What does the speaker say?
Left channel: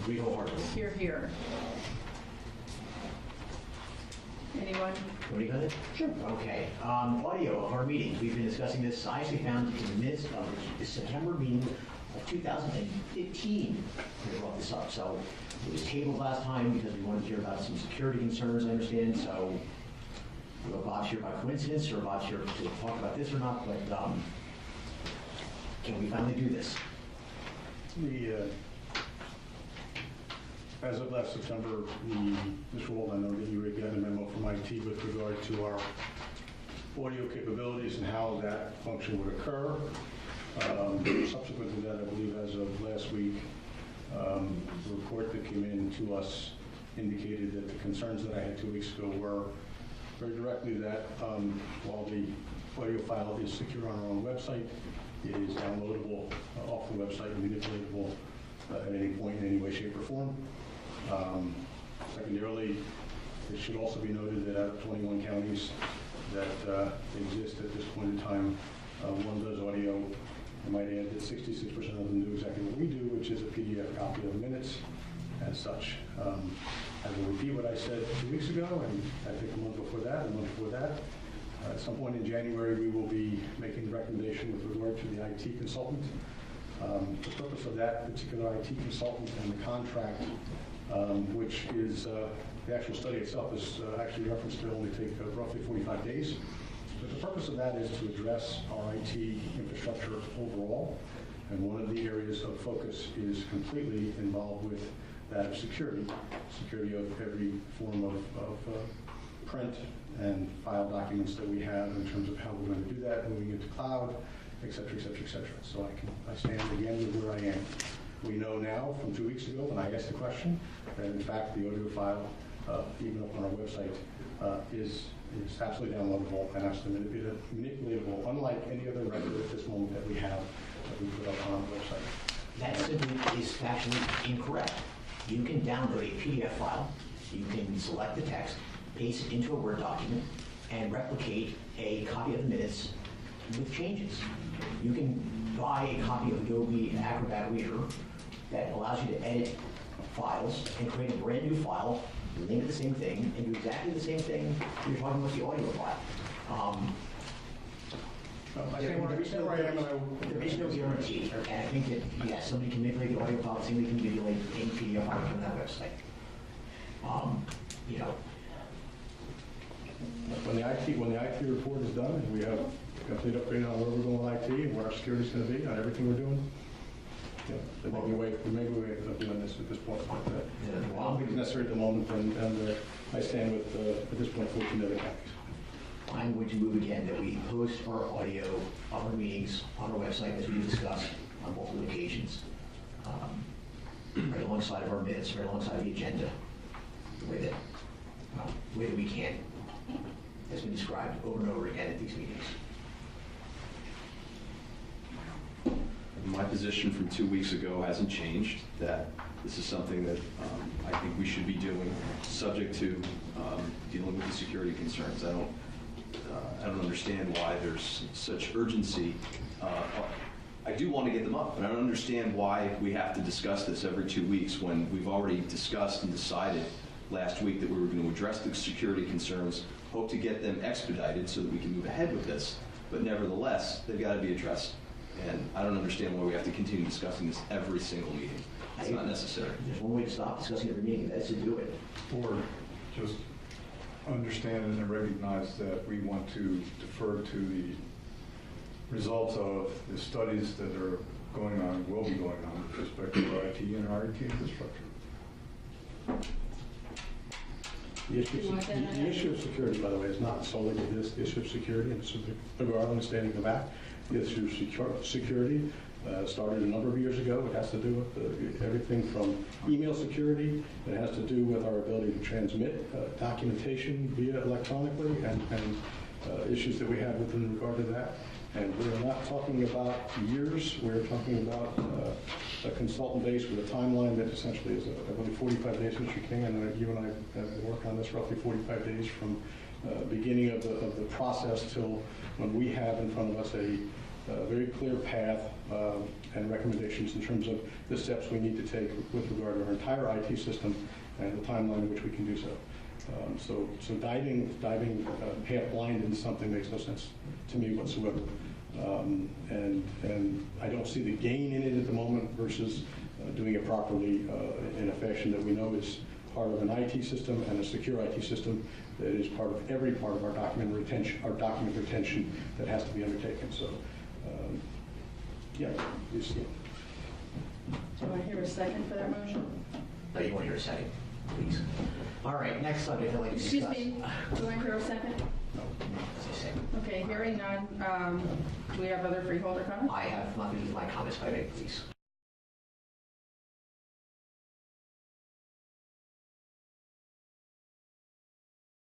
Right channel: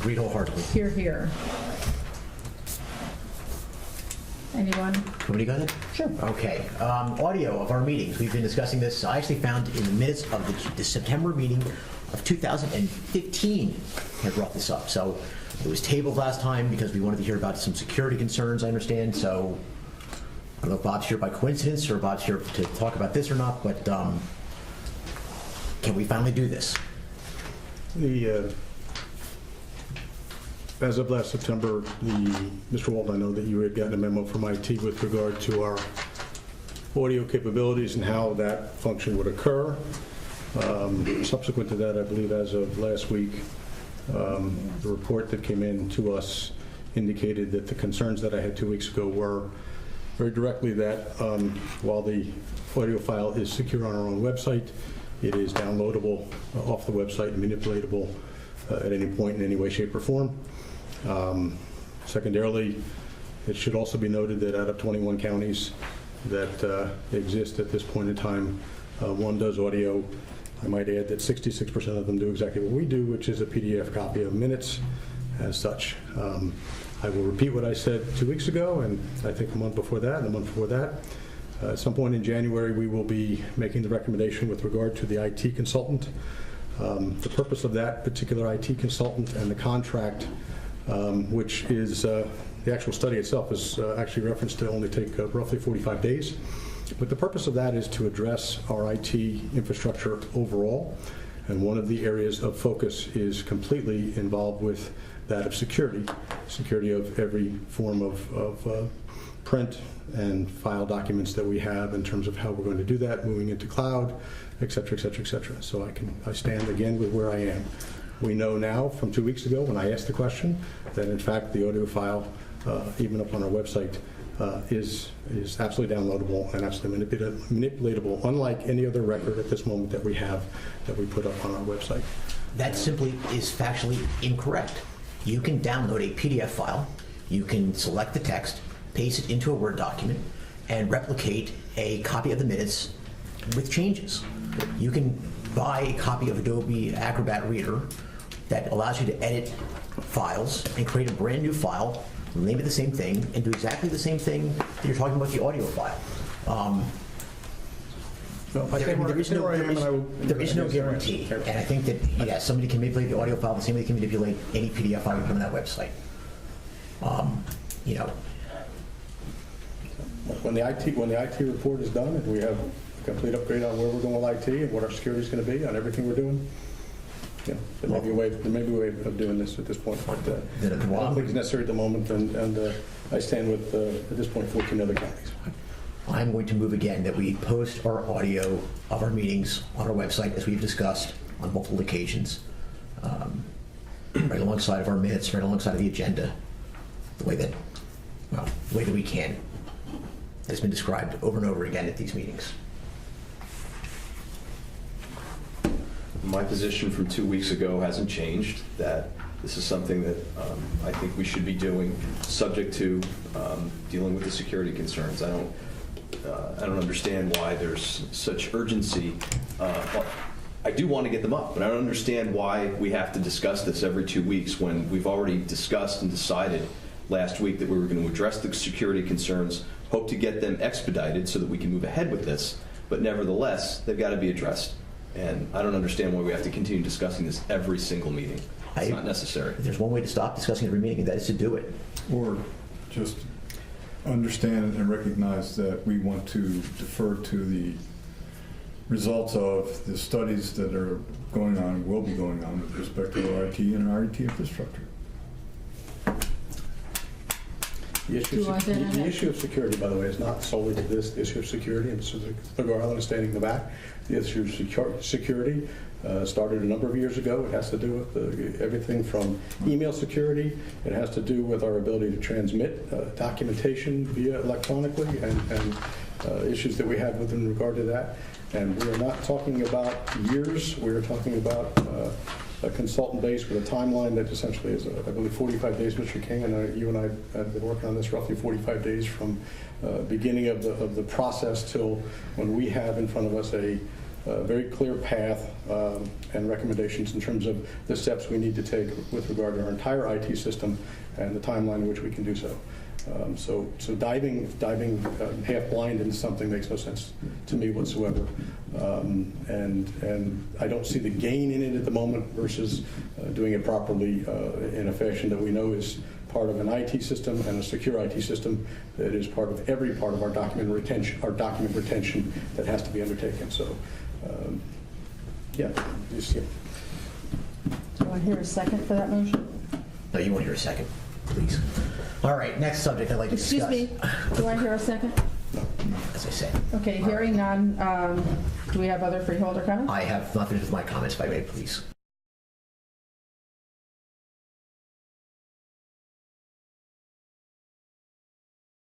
Agreed wholeheartedly. Here, here. Anyone? Want me to go then? Sure. Okay. Audio of our meetings. We've been discussing this. I actually found in the minutes of the September meeting of 2015, I brought this up. So it was tabled last time because we wanted to hear about some security concerns, I understand. So I don't know if Bob's here by coincidence or Bob's here to talk about this or not, but can we finally do this? As of last September, Mr. Walton, I know that you had gotten a memo from IT with regard to our audio capabilities and how that function would occur. Subsequent to that, I believe as of last week, the report that came in to us indicated that the concerns that I had 2 weeks ago were very directly that while the audio file is secure on our own website, it is downloadable off the website and manipulatable at any point in any way, shape, or form. Secondarily, it should also be noted that out of 21 counties that exist at this point in time, one does audio. I might add that 66% of them do exactly what we do, which is a PDF copy of minutes as such. I will repeat what I said 2 weeks ago, and I think the month before that, and the month before that. At some point in January, we will be making the recommendation with regard to the IT consultant. The purpose of that particular IT consultant and the contract, which is the actual study itself is actually referenced to only take roughly 45 days. But the purpose of that is to address our IT infrastructure overall. And one of the areas of focus is completely involved with that of security of every form of print and file documents that we have in terms of how we're going to do that, moving into cloud, et cetera, et cetera, et cetera. So I stand again with where I am. We know now from 2 weeks ago when I asked the question that in fact the audio file, even up on our website, is absolutely downloadable and absolutely manipulatable, unlike any other record at this moment that we have that we put up on our website. That simply is factually incorrect. You can download a PDF file, you can select the text, paste it into a Word document, and replicate a copy of the minutes with changes. You can buy a copy of Adobe Acrobat Reader that allows you to edit files and create a brand new file, name it the same thing, and do exactly the same thing that you're talking about the audio file. There is no guarantee, and I think that, yes, somebody can manipulate the audio file the same way they can manipulate any PDF file you put on that website. You know, When the IT report is done and we have a complete upgrade on where we're going with IT and what our security is going to be on everything we're doing, there may be a way of doing this at this point. But I don't think it's necessary at the moment, and I stand with, at this point, 14 other counties. I'm going to move again that we post our audio of our meetings on our website, as we've discussed on multiple occasions, right alongside of our minutes, right alongside of the agenda, the way that we can. It's been described over and over again at these meetings. My position from 2 weeks ago hasn't changed, that this is something that I think we should be doing, subject to dealing with the security concerns. I don't understand why there's such urgency. I do want to get them up, but I don't understand why we have to discuss this every 2 weeks when we've already discussed and decided last week that we were going to address the security concerns, hope to get them expedited so that we can move ahead with this. But nevertheless, they've got to be addressed. And I don't understand why we have to continue discussing this every single meeting. It's not necessary. There's one way to stop discussing every meeting, and that is to do it. Or just understand and recognize that we want to defer to the results of the studies that are going on, will be going on with respect to our IT and our IT infrastructure. The issue of security, by the way, is not solely this issue of security, and this is the Island is standing in the back. The issue of security started a number of years ago. It has to do with everything from email security. It has to do with our ability to transmit documentation via electronically and issues that we have within regard to that. And we are not talking about years. We are talking about a consultant base with a timeline that essentially is, I believe, 45 days, Mr. King, and you and I have been working on this roughly 45 days from beginning of the process till when we have in front of us a a very clear path and recommendations in terms of the steps we need to take with regard to our entire IT system and the timeline in which we can do so. So diving half blind into something makes no sense to me whatsoever. And I don't see the gain in it at the moment versus doing it properly in a fashion that we know is part of an IT system and a secure IT system that is part of every part of our document retention that has to be undertaken. So, yeah, just, yeah. Do you want to hear a second for that motion? No, you won't hear a second, please. All right, next subject I'd like to discuss. Excuse me, do you want to hear a second? As I said, Okay, hearing none, do we have other freeholder comments? I have not finished with my comments, if I may, please.